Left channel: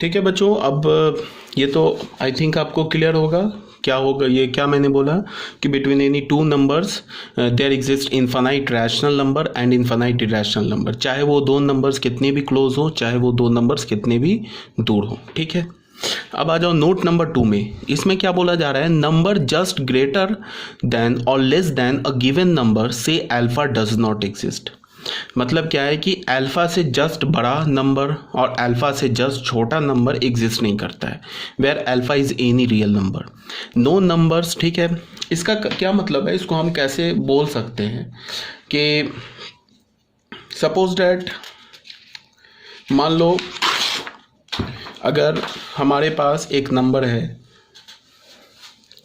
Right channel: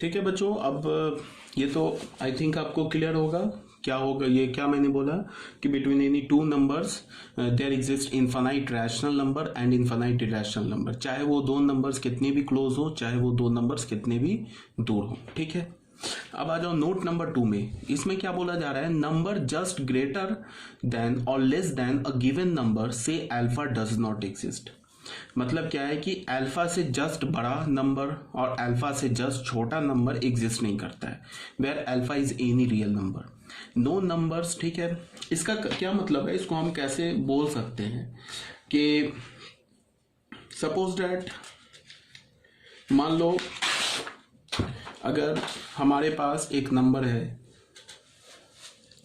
ठीक है बच्चों, अब ये तो आई थिंक आपको क्लियर होगा क्या होगा। ये क्या मैंने बोला कि between any two numbers there exist infinite rational number and infinite irrational number, चाहे वो दो नंबर्स कितने भी क्लोज हो, चाहे वो दो नंबर्स कितने भी दूर हो। ठीक है, अब आ जाओ नोट नंबर 2 में। इसमें क्या बोला जा रहा है, नंबर जस्ट ग्रेटर देन और less than a given number से अल्फा डज नॉट एग्जिस्ट। मतलब क्या है कि अल्फा से जस्ट बड़ा नंबर और अल्फा से जस्ट छोटा नंबर एग्जिस्ट नहीं करता है, where alpha is any real number, no numbers. ठीक है, इसका क्या मतलब है, इसको हम कैसे बोल सकते हैं कि सपोज डैट मान लो अगर हमारे पास एक नंबर है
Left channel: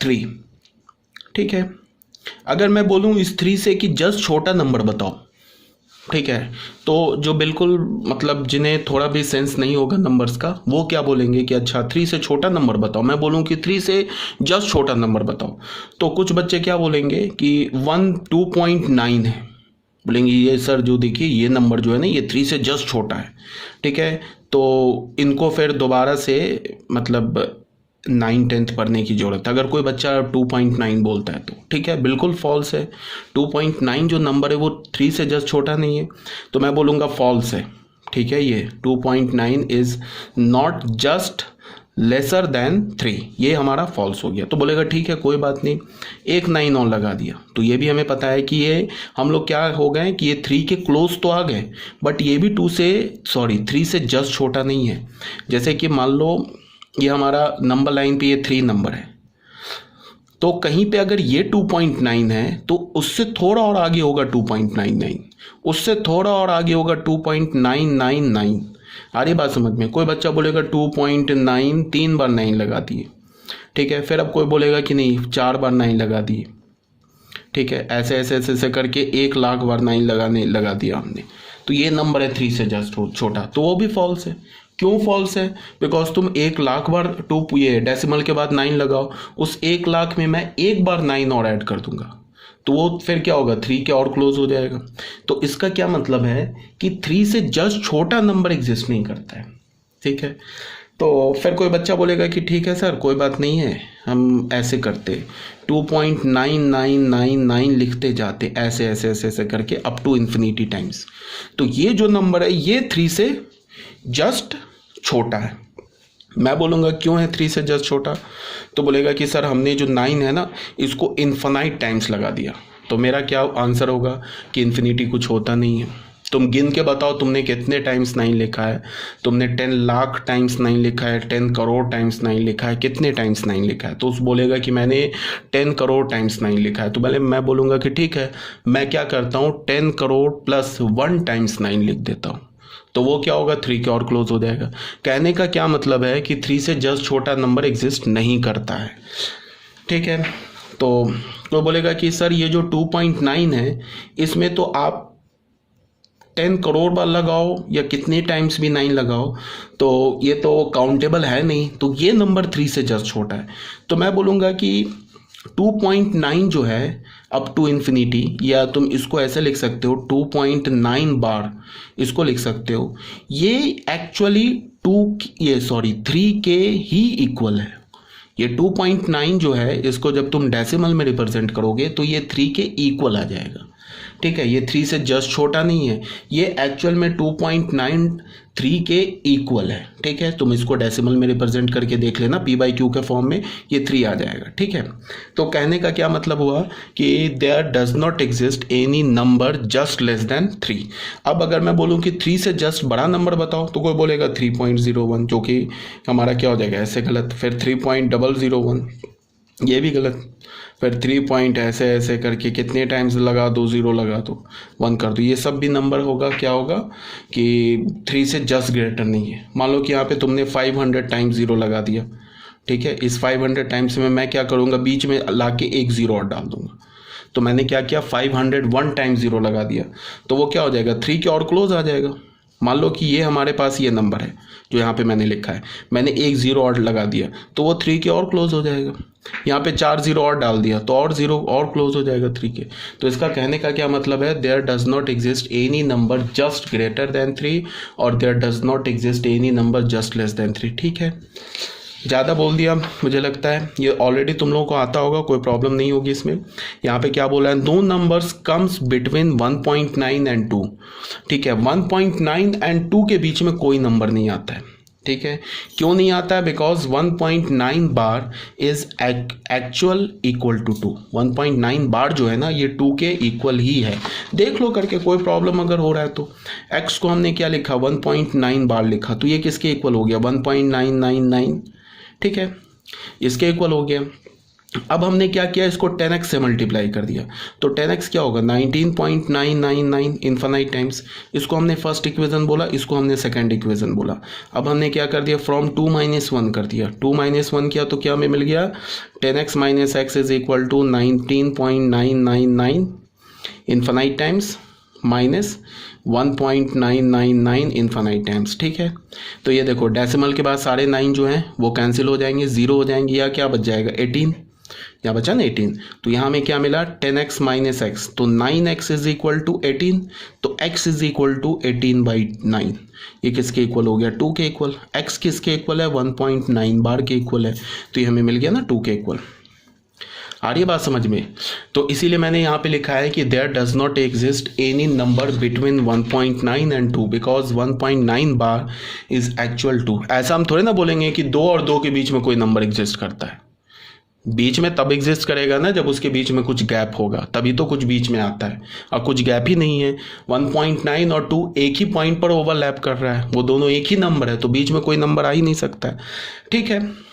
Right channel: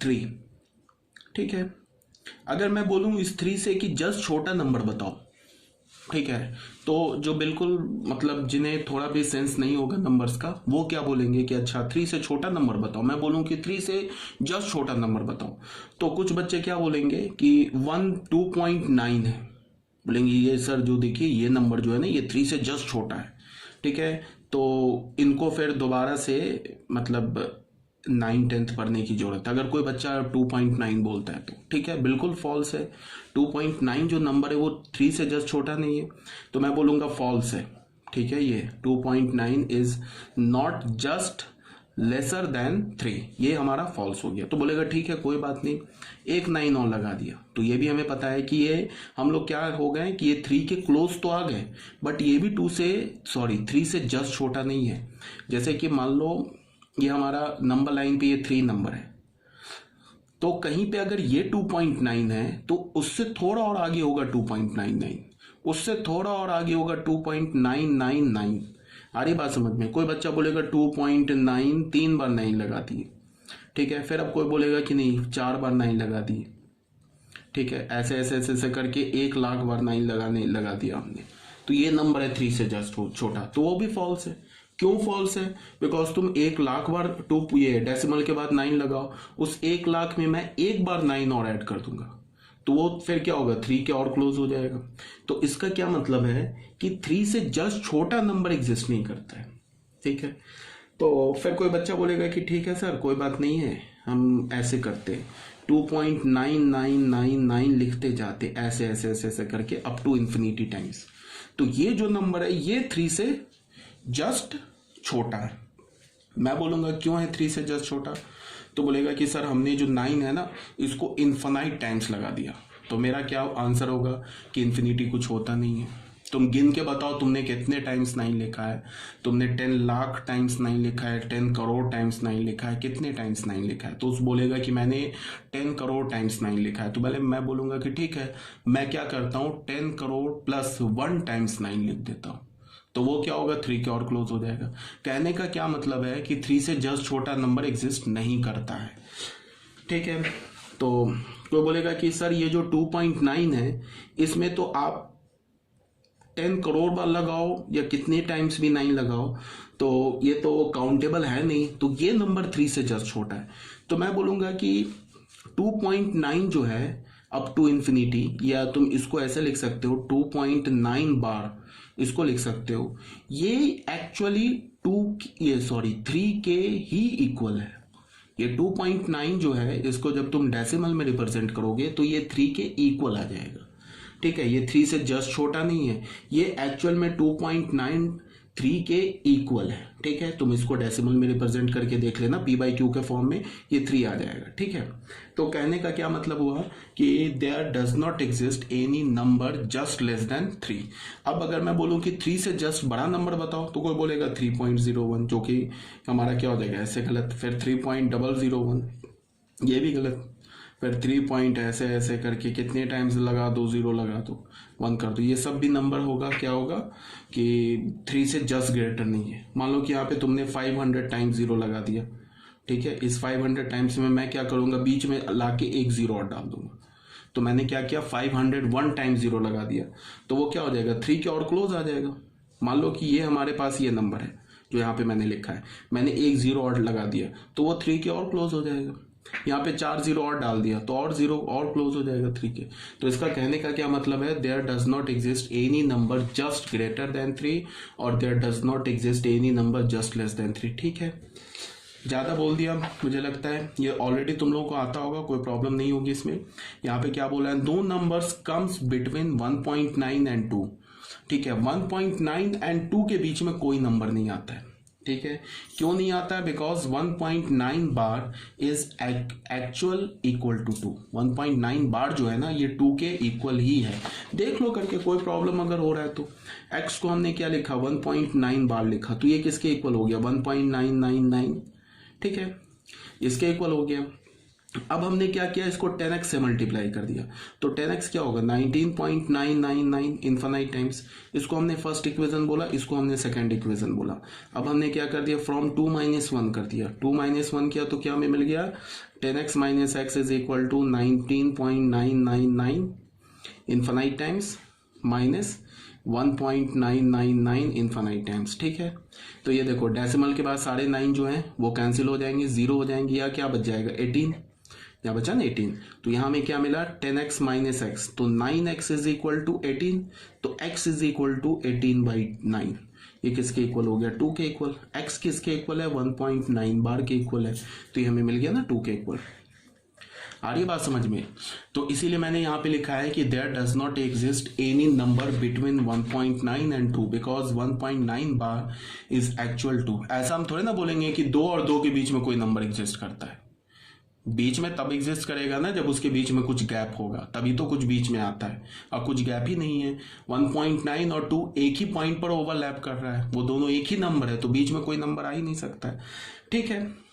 3। ठीक है, अगर मैं बोलूँ इस 3 से कि जस्ट छोटा नंबर बताओ, ठीक है, तो जो बिल्कुल मतलब जिन्हें थोड़ा भी सेंस नहीं होगा नंबर्स का, वो क्या बोलेंगे कि अच्छा 3 से छोटा नंबर बताओ। मैं बोलूँ कि 3 से जस्ट छोटा नंबर बताओ, तो कुछ बच्चे क्या बोलेंगे कि 1 2.9 है। बोलेंगे ये सर जो देखिए ये नंबर जो है ना ये 3 से जस्ट छोटा है। ठीक है, तो इनको फिर दोबारा से मतलब 9th-10th पढ़ने की ज़रूरत है। अगर कोई बच्चा 2.9 बोलता है तो ठीक है, बिल्कुल फॉल्स है। 2.9 जो नंबर है वो 3 से जस्ट छोटा नहीं है, तो मैं बोलूँगा फॉल्स है। ठीक है, ये 2.9 is not just lesser than 3, ये हमारा फॉल्स हो गया। तो बोलेगा ठीक है कोई बात नहीं, एक 9 और लगा दिया, तो ये भी हमें पता है कि ये हम लोग क्या हो गए कि ये 3 के क्लोज तो आ गए, बट ये भी 3 से जस्ट छोटा नहीं है। जैसे कि मान लो ये हमारा नंबर लाइन पे ये 3 नंबर है, तो कहीं पे अगर ये 2.9 है तो उससे थोड़ा और आगे होगा 2.99, उससे थोड़ा और आगे होगा 2.999। आ रही बात समझ में? कोई बच्चा बोलेगा 2.9 3 बार 9 लगा दिए। ठीक है, फिर अब कोई बोलेगा कि नहीं 4 बार 9 लगा दिए। ठीक है, ऐसे ऐसे ऐसे ऐसे करके 1 लाख बार 9 लगा दिया हमने, तो ये नंबर है 3 से जस्ट छोटा, तो वो भी फॉल्स है। क्यों फॉल्स है? बिकॉज तुम 1 लाख बार ये डेसिमल के बाद 9 लगाओ, उस 1 लाख में मैं एक बार 9 और ऐड कर दूंगा, तो वो फिर क्या होगा 3 के और क्लोज हो जाएगा। तो इसका क्या मतलब है कि 3 से जस्ट छोटा नंबर एग्जिस्ट नहीं करता है। ठीक है, तो फिर कोई बच्चा बोलेगा कि ठीक है सर कोई बात नहीं है, हम ऐसे करते 2.9999 लिखते जाते ऐसे ऐसे ऐसे ऐसे करके अप टू इन्फिनिटी टाइम्स, तो ये जो नंबर है ये 3 से जस्ट छोटा है। मैं बोलूँगा क्यों है 3 से जस्ट छोटा, तो बोलेगा कि सर हमने जो 9 है ना इसको इन्फिनाइट टाइम्स लगा दिया, तो मेरा क्या आंसर होगा कि इन्फिनिटी कुछ होता नहीं है। तुम गिन के बताओ तुमने कितने टाइम्स 9 लिखा है, तुमने 10 लाख टाइम्स 9 लिखा है, 10 करोड़ टाइम्स 9 लिखा है, कितने टाइम्स 9 लिखा है, तो उस बोलेगा कि मैंने 10 करोड़ टाइम्स 9 लिखा है। तो पहले मैं बोलूँगा कि ठीक है मैं क्या करता हूँ 10 करोड़ प्लस 1 टाइम्स 9 लिख देता हूँ, तो वो क्या होगा 3 के और क्लोज हो जाएगा। कहने का क्या मतलब है कि 3 से जस्ट छोटा नंबर एग्जिस्ट नहीं करता है। ठीक है, तो वो बोलेगा कि सर ये जो 2.9 है इसमें तो आप 10 करोड़ बार लगाओ या कितने टाइम्स भी 9 लगाओ तो ये तो काउंटेबल है नहीं, तो ये नंबर 3 से जस्ट छोटा है। तो मैं बोलूँगा कि 2.9 जो है अप टू इन्फिनिटी, या तुम इसको ऐसे लिख सकते हो 2.9 बार इसको लिख सकते हो, ये एक्चुअली 3 के ही इक्वल है। ये 2.9 जो है इसको जब तुम डेसिमल में रिप्रेजेंट करोगे तो ये 3 के इक्वल आ जाएगा। ठीक है, ये 3 से जस्ट छोटा नहीं है, ये एक्चुअल में 2.93 के इक्वल है। ठीक है, तुम इसको डेसिमल में रिप्रेजेंट करके देख लेना p/q के फॉर्म में, ये 3 आ जाएगा। ठीक है, तो कहने का क्या मतलब हुआ कि there does not exist any number just less than 3। अब अगर मैं बोलूँ कि 3 से जस्ट बड़ा नंबर बताओ तो कोई बोलेगा 3.01, जो कि हमारा क्या हो जाएगा ऐसे गलत, फिर 3.001 ये भी गलत, फिर 3 पॉइंट ऐसे ऐसे करके कितने टाइम्स लगा दो, 0 लगा दो, 1 कर दो, ये सब भी नंबर होगा क्या होगा कि 3 से जस्ट ग्रेटर नहीं है। मान लो कि यहाँ पे तुमने 500 टाइम्स 0 लगा दिया। ठीक है, इस 500 टाइम्स में मैं क्या करूँगा बीच में ला के एक 0 और डाल दूंगा, तो मैंने क्या किया 501 टाइम्स 0 लगा दिया, तो वो क्या हो जाएगा 3 के और क्लोज आ जाएगा। मान लो कि ये हमारे पास ये नंबर है जो यहाँ पे मैंने लिखा है, मैंने एक जीरो और लगा दिया तो वो 3 के और क्लोज हो जाएगा। यहाँ पे 4 जीरो और डाल दिया तो और जीरो और क्लोज हो जाएगा 3 के। तो इसका कहने का क्या मतलब है, there does not exist any number just greater than 3 और there does not exist any number just less than 3। ठीक है, ज़्यादा बोल दिया मुझे लगता है, ये ऑलरेडी तुम लोगों को आता होगा, कोई प्रॉब्लम नहीं होगी इसमें। यहाँ पे क्या बोला है, no numbers comes between 1.9 and 2। ठीक है, 1.9 एंड 2 के बीच में कोई नंबर नहीं आता है। ठीक है, क्यों नहीं आता है, because 1.9 bar is actual equal to 2। 1.9 bar जो है ना ये 2 के इक्वल ही है। देख लो करके, कोई प्रॉब्लम अगर हो रहा है तो। x को हमने क्या लिखा, 1.9 बार लिखा, तो ये किसके इक्वल हो गया, 1.999। ठीक है, इसके इक्वल हो गया। अब हमने क्या किया, इसको 10x से मल्टीप्लाई कर दिया, तो 10x क्या होगा, 19.999 इन्फिनाइट टाइम्स। इसको हमने फर्स्ट इक्वेशन बोला, इसको हमने सेकंड इक्वेशन बोला। अब हमने क्या कर दिया, फ्रॉम 2 - 1 कर दिया, 2 - 1 किया तो क्या हमें मिल गया, 10x - x is equal to 19.999 infinite times minus 1.999 infinite times. ठीक है, तो ये देखो डेसिमल के बाद सारे 9 जो हैं वो कैंसिल हो जाएंगे, 0 हो जाएंगे, या क्या बच जाएगा 18, या बचा ना 18। तो यहाँ हमें क्या मिला, 10x - x, तो 9x इज इक्वल टू 18, तो x इज इक्वल टू 18/9। ये किसके इक्वल हो गया, 2 के इक्वल। x किसके इक्वल है, 1.9 बार के इक्वल है, तो ये हमें मिल गया ना 2 के इक्वल। आ रही है बात समझ में। तो इसीलिए मैंने यहाँ पे लिखा है कि there does not exist any number between 1.9 and 2 because 1.9 bar is actual 2। ऐसा हम थोड़े ना बोलेंगे कि 2 और 2 के बीच में कोई नंबर एग्जिस्ट करता है। बीच में तब एग्जिस्ट करेगा ना जब उसके बीच में कुछ गैप होगा, तभी तो कुछ बीच में आता है, और कुछ गैप ही नहीं है। 1.9 और 2 एक ही पॉइंट पर ओवरलैप कर रहा है, वो दोनों एक ही नंबर है, तो बीच में कोई नंबर आ ही नहीं सकता है। ठीक है।